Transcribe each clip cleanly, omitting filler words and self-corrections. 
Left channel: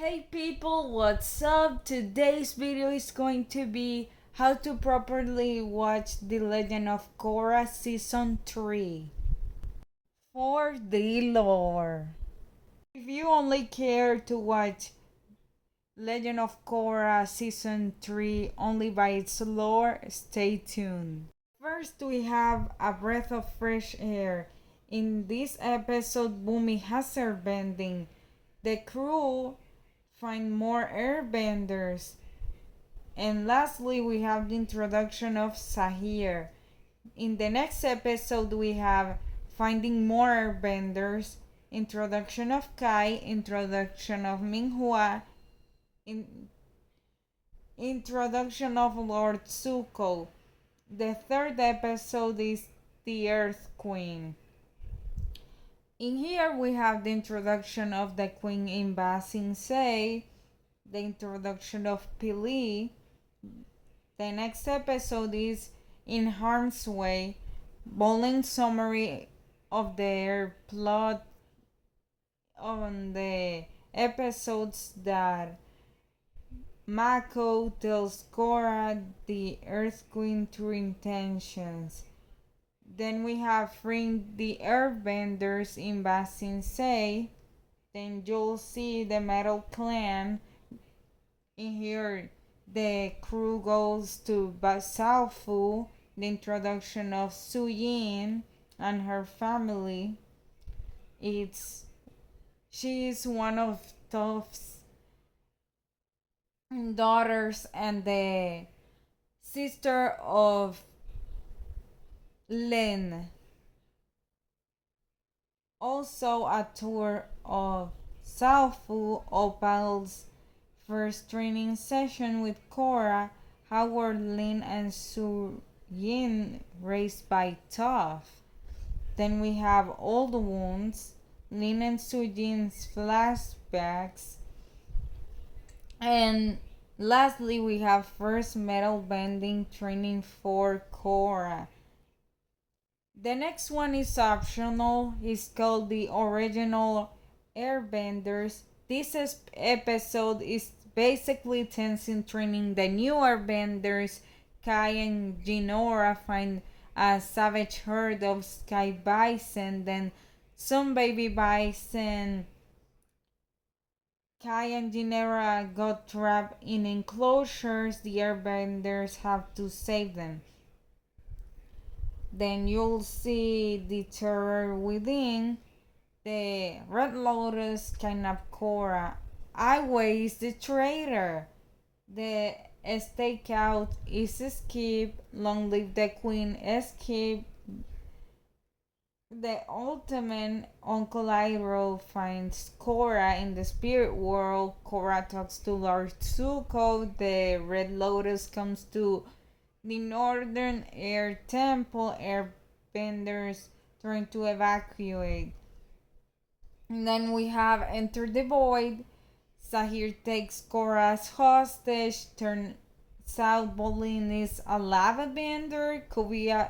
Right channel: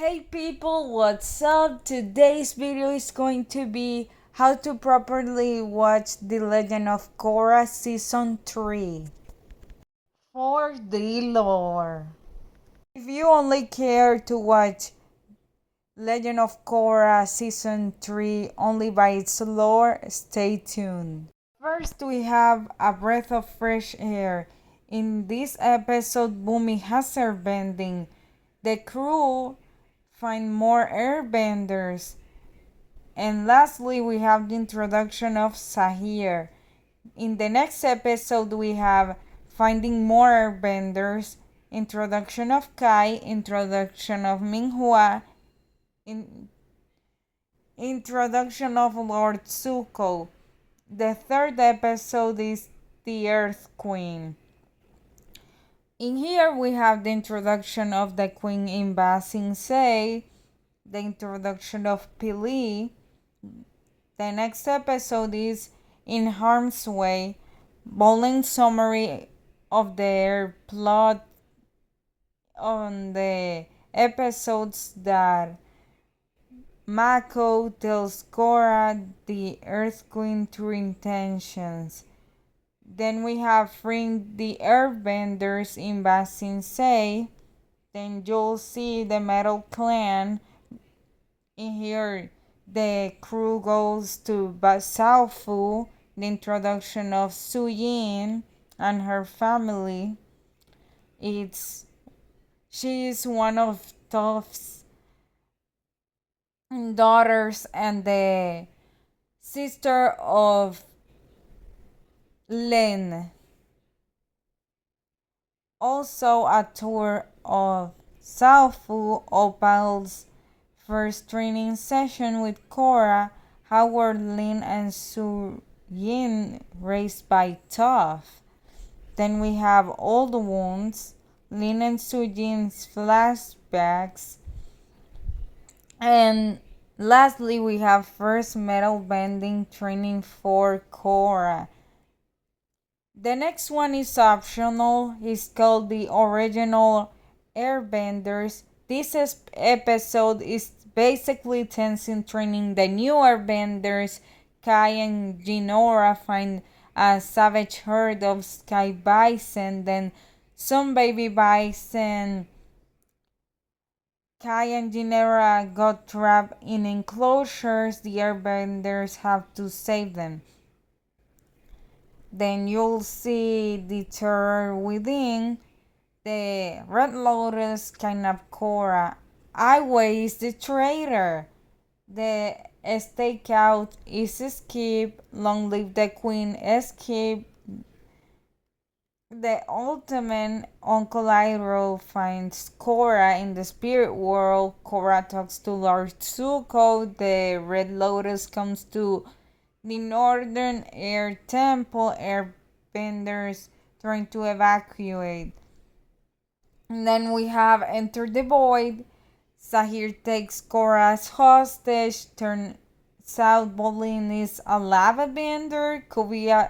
Hey people, what's up? Today's video is going to be how to properly watch The Legend of Korra Season 3 for the lore. If you only care to watch Legend of Korra Season 3 only by its lore, stay tuned. First, we have a breath of fresh air. In this episode, Bumi has airbending. The crew find more airbenders. And lastly, we have the introduction of Sahir. In the next episode, we have finding more airbenders, introduction of Kai, introduction of Minghua, introduction of Lord Zuko. The third episode is the Earth Queen. In here, we have the introduction of the Queen in Ba Sing Se, the introduction of Pili. The next episode is In Harm's Way, bowling summary of their plot on the episodes that Mako tells Korra the Earth Queen true intentions. Then we have freeing the Airbenders in Ba Sing Se. Then you'll see the Metal Clan. In here, the crew goes to Basaofu, the introduction of Su Yin and her family. She is one of Toph's daughters and the sister of Lin. Also a tour of Saofu Opal's first training session with Korra, Howard, Lin, and Su Yin raised by Toph. Then we have Old Wounds, Lin and Su Yin's flashbacks. And lastly, we have first metal bending training for Korra. The next one is optional. It's called the Original Airbenders. This episode is basically Tenzin training the new Airbenders. Kai and Jinora find a savage herd of sky bison, then some baby bison. Kai and Jinora got trapped in enclosures. The Airbenders have to save them. Then you'll see the terror within. The Red Lotus kidnapped Korra. Iway is the traitor. The stakeout is escape. Long live the queen escape. The ultimate Uncle Iroh finds Korra in the spirit world. Korra talks to Lord Zuko. The Red Lotus comes to the Northern Air Temple. Airbenders trying to evacuate. And then we have Enter the Void. Sahir takes Korra as hostage. Turns out Bolin is a lava bender. Kuvira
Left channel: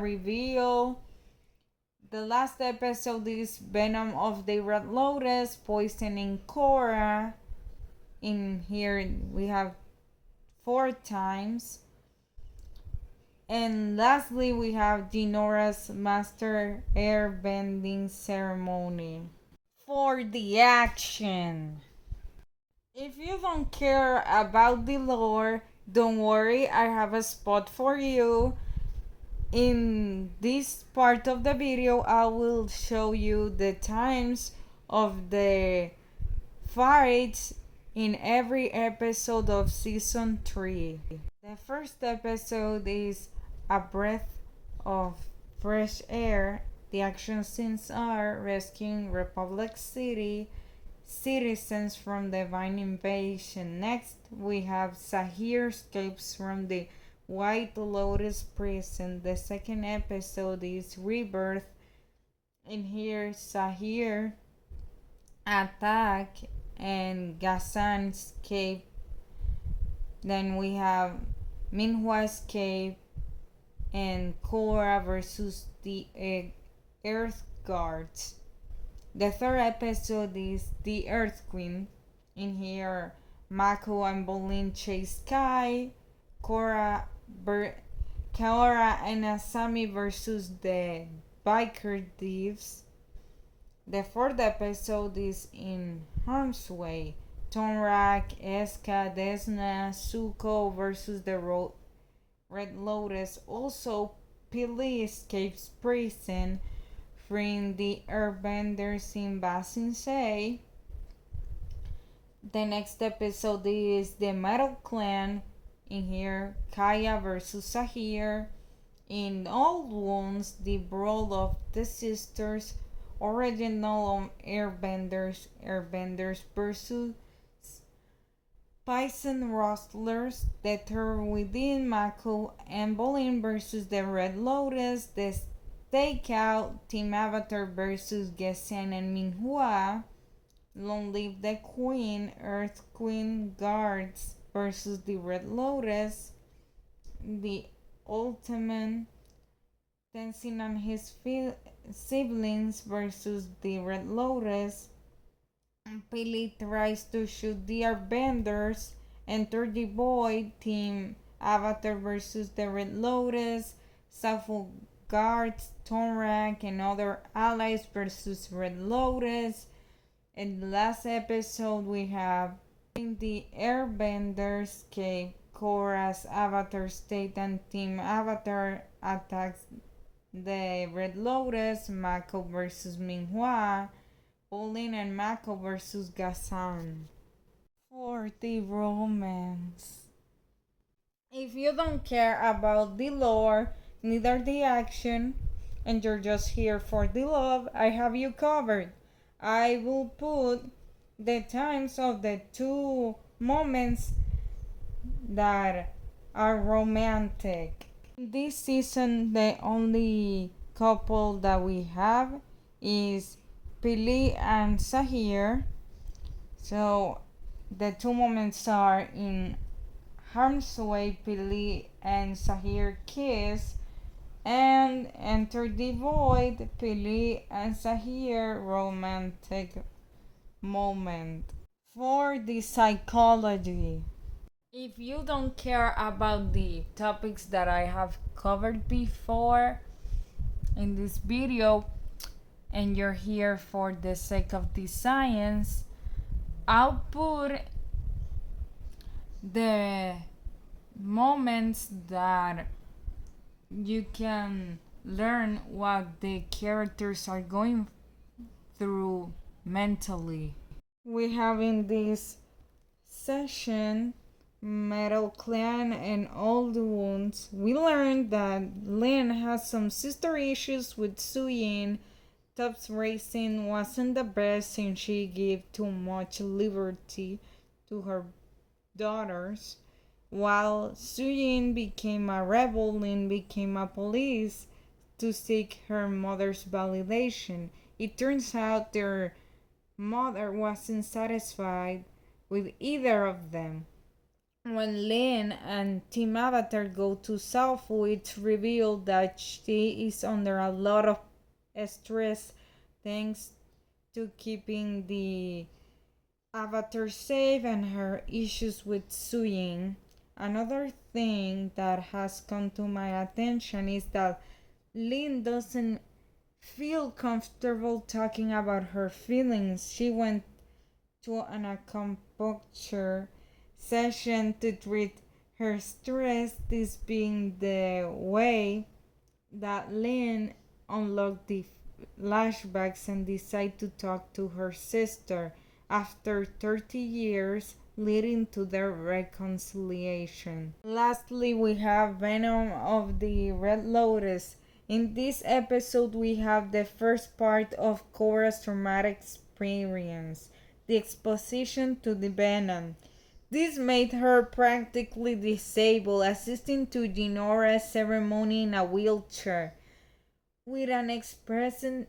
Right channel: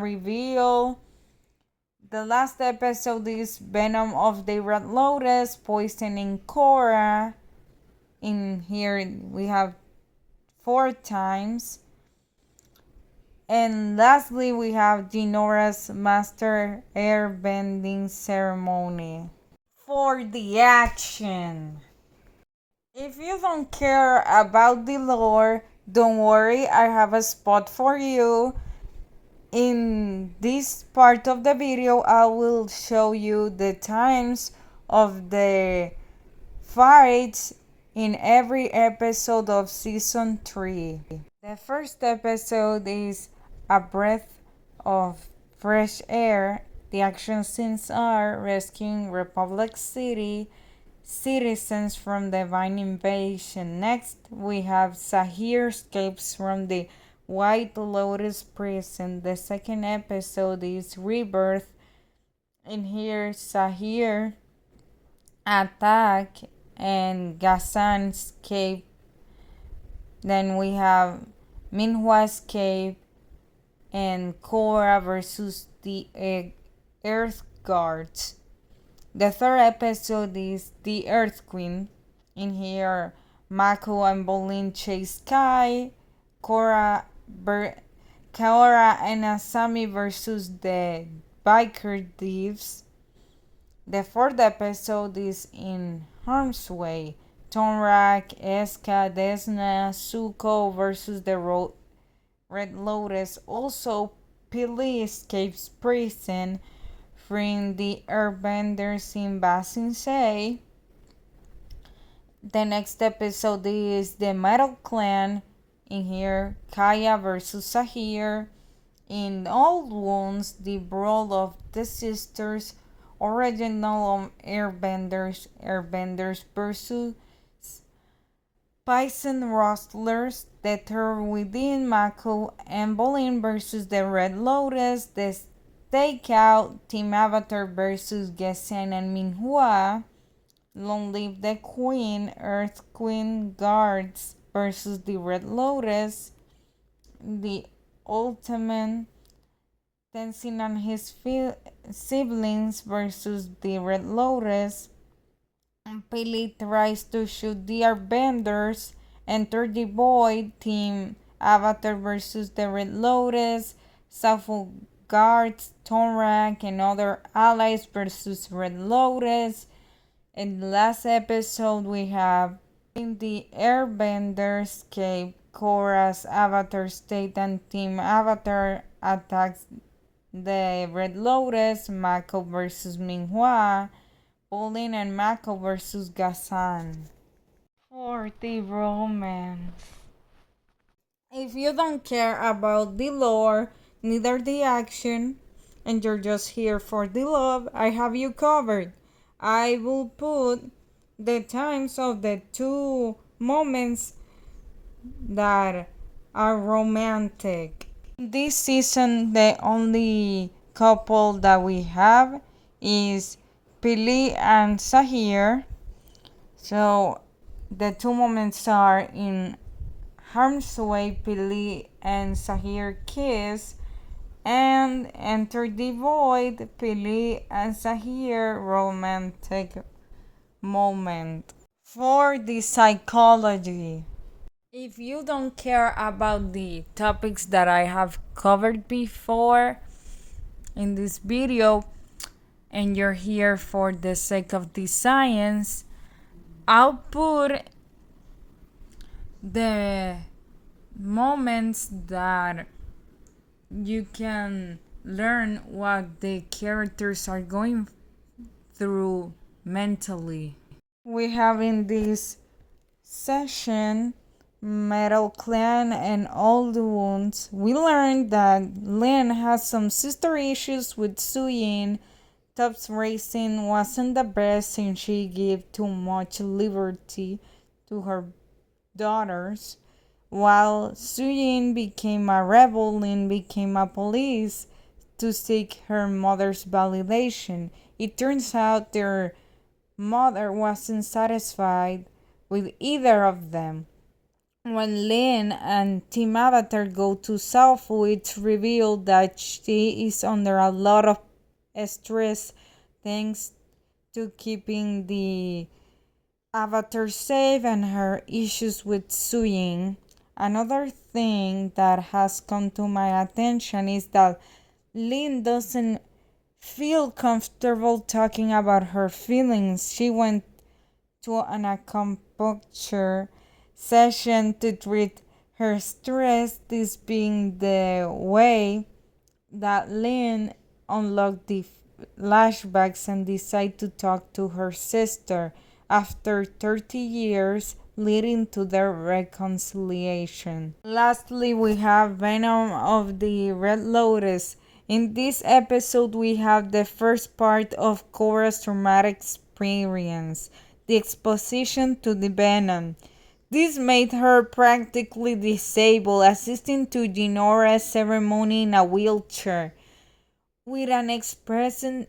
reveal. The last episode is Venom of the Red Lotus poisoning Korra. In here we have 4 times. And lastly, we have Jinora's Master Airbending Ceremony. For the action. If you don't care about the lore, don't worry, I have a spot for you. In this part of the video, I will show you the times of the fights in every episode of Season 3. The first episode is A Breath of Fresh Air. The action scenes are rescuing Republic City citizens from divine invasion. Next, we have Sahir escapes from the White Lotus prison. The second episode is Rebirth. In here, Sahir attack and Ghassan escape. Then we have Minhua escape and Korra versus the Earth Guards. The third episode is The Earth Queen. In here, Mako and Bolin chase Kai, Korra, Kaora and Asami versus the biker thieves. The fourth episode is In Harm's Way. Tonrak, Eska, Desna, Zuko versus the Red Lotus. Also, Pili escapes prison, freeing the airbenders in Ba Sing Se. The next episode is the Metal Clan. In here, Kaya versus Sahir. In Old Wounds, the brawl of the sisters. Original Airbenders versus Bison Rustlers. The third within Mako and Bolin versus the Red Lotus. The Stakeout, Team Avatar versus Gesen and Minhua. Long Live the Queen, Earth Queen Guards versus the Red Lotus. The Ultimate Tenzin and his siblings versus the Red Lotus. Pili tries to shoot the Airbenders. Enter the Void, Team Avatar versus the Red Lotus. Safo Guards, Tonrak, and other allies versus Red Lotus. In the last episode, we have in the Airbenders escape, Korra's Avatar state and Team Avatar attacks the Red Lotus, Mako versus Minhua, Bolin and Mako versus Gazan. For the romance. If you don't care about the lore, neither the action, and you're just here for the love, I have you covered. I will put the times of the two moments that are romantic. This season, the only couple that we have is Pili and Sahir. So the two moments are in Harm's Way, Pili and Sahir kiss, and Enter the Void, Pili and Sahir romantic moment. For the psychology. If you don't care about the topics that I have covered before in this video and you're here for the sake of the science, I'll put the moments that you can learn what the characters are going through mentally. We have in this session Metal Clan and Old Wounds. We learned that Lin has some sister issues with Suyin. Top's racing wasn't the best and she gave too much liberty to her daughters. While Suyin became a rebel, Lin became a police to seek her mother's validation. It turns out their mother wasn't satisfied with either of them. When Lin and Team Avatar go to Southwood, it's revealed that she is under a lot of stress thanks to keeping the Avatar safe and her issues with Suyin. Another thing that has come to my attention is that Lin doesn't feel comfortable talking about her feelings. She went to an acupuncture session to treat her stress, this being the way that Lin unlocked the flashbacks and decided to talk to her sister after 30 years, leading to their reconciliation. Lastly, we have Venom of the Red Lotus. In this episode, we have the first part of Korra's traumatic experience, the exposition to the venom. This made her practically disabled, assisting to Jinora's ceremony in a wheelchair, with an expression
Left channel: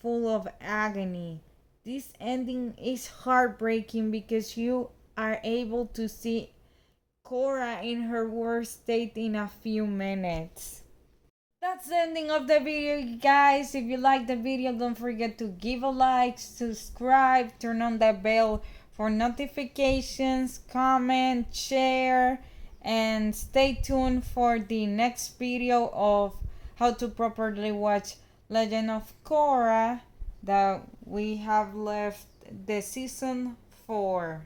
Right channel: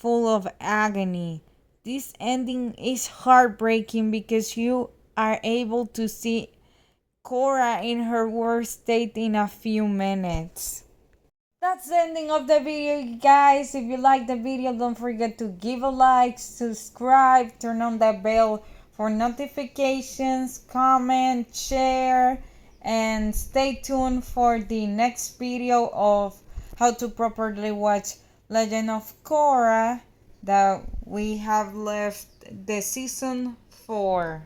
full of agony. This ending is heartbreaking because you are able to see Korra in her worst state in a few minutes. That's the ending of the video, guys. If you like the video, don't forget to give a like, subscribe, turn on the bell for notifications, comment, share, and stay tuned for the next video of how to properly watch Legend of Korra that we have left the season 4.